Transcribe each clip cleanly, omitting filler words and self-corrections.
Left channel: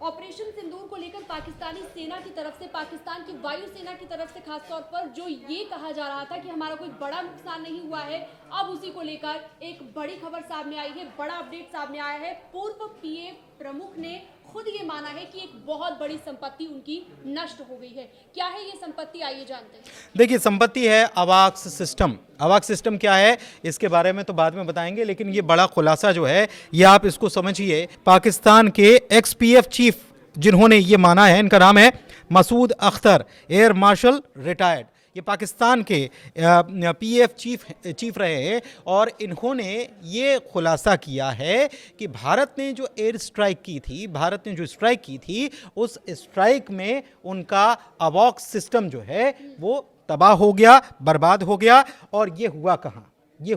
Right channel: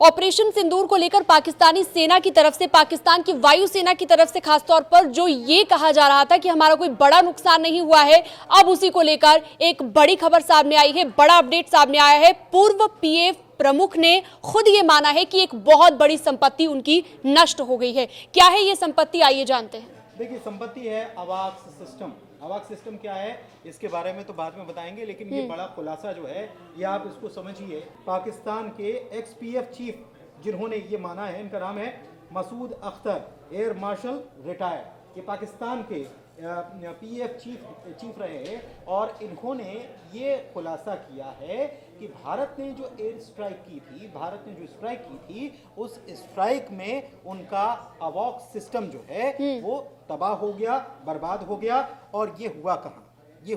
Operation सिंदूर को लेकर पाकिस्तानी सेना की तरफ से, पाकिस्तान की वायुसेना की तरफ से खासतौर पर जो ये कहा जा रहा था कि हमारा कोई बड़ा नुकसान नहीं हुआ है, अब उसी को लेकर एक बड़ी खबर सामने आई है, बड़ा अपडेट सामने आया है। पूर्व पीएफ प्रमुख ने खुद ये माना है कि एक बहुत बड़ी संपत्ति उनकी नष्ट हो गई है। क्या है ये संपत्ति, आइए जानते हैं। देखिए, संपत्ति है अवाक्स सिस्टम। अवाक्स सिस्टम क्या है इसके बारे में तो बाद में बताएंगे, लेकिन ये बड़ा खुलासा जो है ये आप इसको समझिए। पाकिस्तान के एक्स-पीएफ चीफ जिन्होंने ये माना है, इनका नाम है Masood Akhtar, air marshal retired. ये पाकिस्तान के पीएफ चीफ रहे हैं और इन्होंने ये खुलासा किया है कि भारत ने जो एयर स्ट्राइक की थी, भारत ने जो स्ट्राइक की थी, उस स्ट्राइक में उनका अवॉक्स सिस्टम जो है वो तबाह हो गया, बर्बाद हो गया। और ये हुआ कहाँ? ये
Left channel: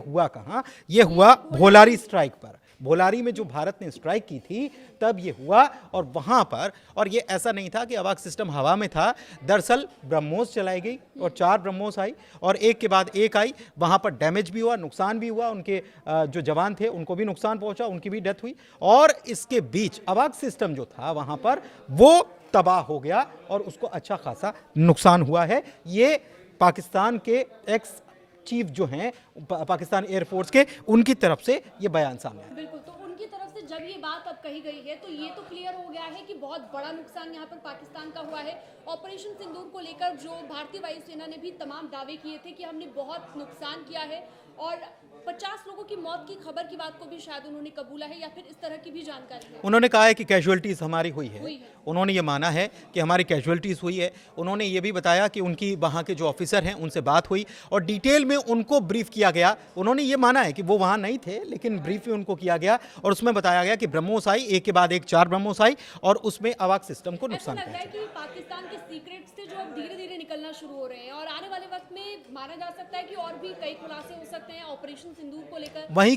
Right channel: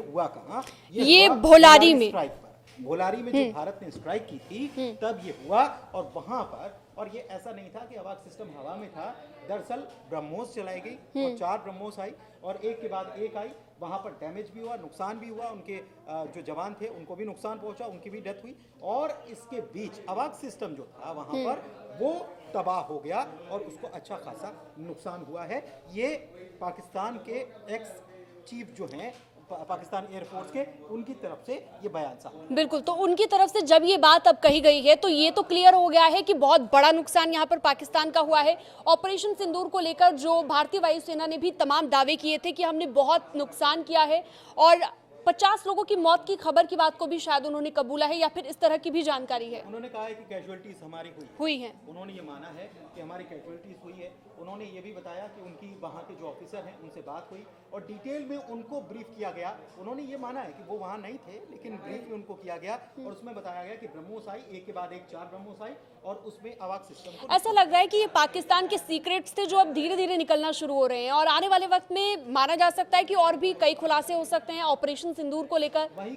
हुआ भोलारी स्ट्राइक पर। भोलारी में जो भारत ने स्ट्राइक की थी तब ये हुआ। और वहां पर, और ये ऐसा नहीं था कि अवाक्स सिस्टम हवा में था, दरअसल ब्रह्मोस चलाई गई और 4 ब्रह्मोस आई और एक के बाद एक आई। वहां पर डैमेज भी हुआ, नुकसान भी हुआ, उनके जो जवान थे उनको भी नुकसान पहुंचा, उनकी भी डेथ हुई। और इसके बीच अवाक्स सिस्टम जो था वहां पर वो तबाह हो गया और उसको अच्छा खासा नुकसान हुआ है। ये पाकिस्तान के एक्स चीफ जो हैं पाकिस्तान एयरफोर्स के, उनकी तरफ से ये बयान सामने है। बिल्कुल, तो उनकी तरफ से जब ये बात अब कही गई है तो ये तो क्लियर हो गया है कि बहुत बड़ा नुकसान यहाँ पर पाकिस्तान का हुआ है। ऑपरेशन सिंदूर को लेकर जो भारतीय वायुसेना ने भी तमाम दावे किए थे कि हमने बहुत नुकसान किया है और 50 लोगों की मौत की खबर की बात को भी शायद उन्होंने कबूला है, या फिर इस तरह की भी जानकारी है। उन्होंने कहा है कि कैजुअलिटीज हमारी हुई है। उन्होंने ये माना है कि हमारी कैजुअलिटीज हुई है। उन्होंने ये भी बताया कि उनकी वहाँ के जो ऑफिसर हैं उनसे बात हुई और डिटेल में उनको ब्रीफ किया गया। उन्होंने ये माना है कि वो वहाँ नहीं थे, लेकिन ब्रीफ भी उनको किया गया और उसमें बताया गया कि ब्रह्मोस आई, एक के बाद एक 4 ब्रह्मोस आई और उसमें अवाक्स सिस्टम को ऐसा लग रहा है कि ये पाकिस्तान के सीक्रेट्स थे जो अब धीरे धीरे निकलना शुरू हो रहे हैं और आने वाले वक्त में माना जा सकता है कि और भी कई खुलासे हो सकते हैं ऑपरेशन सिंदूर को लेकर। वहीं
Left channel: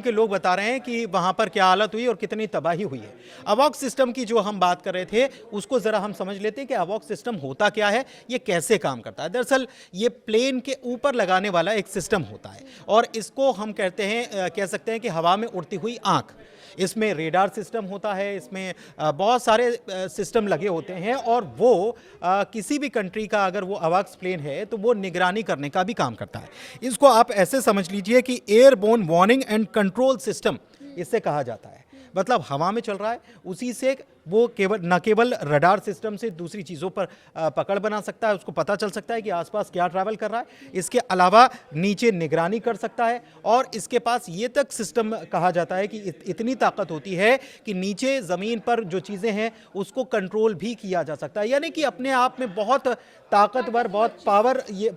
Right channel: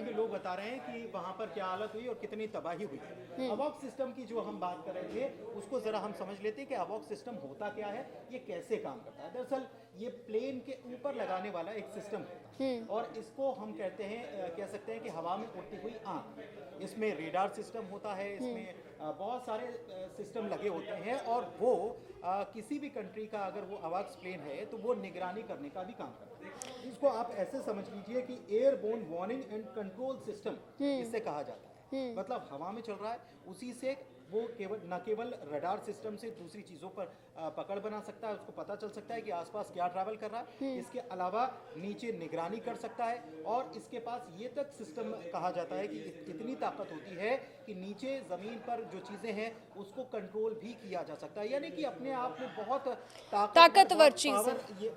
के लोग बता रहे हैं कि वहां पर क्या हालत हुई और कितनी तबाही हुई है। अवॉक्स सिस्टम की जो हम बात कर रहे थे उसको जरा हम समझ लेते हैं कि अवॉक्स सिस्टम होता क्या है, ये कैसे काम करता है। दरअसल ये प्लेन के ऊपर लगाने वाला एक सिस्टम होता है और इसको हम कह सकते हैं कि हवा में उड़ती हुई आंख। इसमें रेडार सिस्टम होता है, इसमें बहुत सारे सिस्टम लगे होते हैं और वो किसी भी कंट्री का अगर वो अवाक्स प्लेन है तो वो निगरानी करने का भी काम करता है। इसको आप ऐसे समझ लीजिए कि airborne warning and control system इससे कहा जाता है। मतलब हवा में चल रहा है, उसी से वो न केवल रडार सिस्टम से दूसरी चीज़ों पर पकड़ बना सकता है, उसको पता चल सकता है कि आसपास क्या ट्रैवल कर रहा है। इसके अलावा नीचे निगरानी कर सकता है और इसके पास ये तक सिस्टम कहा जाता है कि इतनी ताकत होती है कि नीचे ज़मीन पर जो चीज़ें हैं उसको कंट्रोल भी किया जा सकता है। यानी कि अपने आप में बहुत ताकतवर, बहुत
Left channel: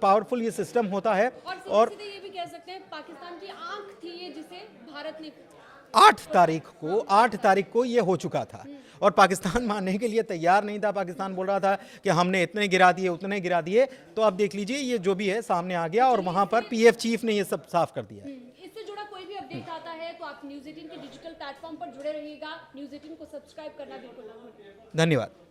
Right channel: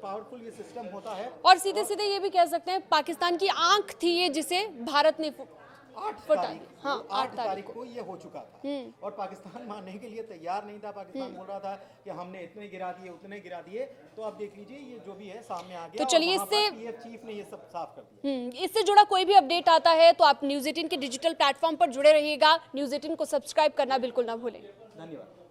पावरफुल ये सिस्टम होता है। और सीधे ये भी कह सकते हैं पाकिस्तान की आंख थी ये, जिसे भारत ने 8 तारीख को ये हो चुका था और पाकिस्तान मानने के लिए तैयार नहीं था। पाकिस्तान बोल रहा था कि हमने इतने गिरा दिए, उतने गिरा दिए। तो अब देख लीजिए ये जो भी है सामने आ गया और वहां पर पीएफ चीफ ने ये सब साफ कर दिया। इससे जुड़ा कोई भी अपडेट आता है तो आप न्यूज़ 18 के डिजिटल प्लेटफॉर्म पर जुड़े रहिएगा। न्यूज़ 18 को सब्सक्राइब करना बिल्कुल ना भूलें। धन्यवाद।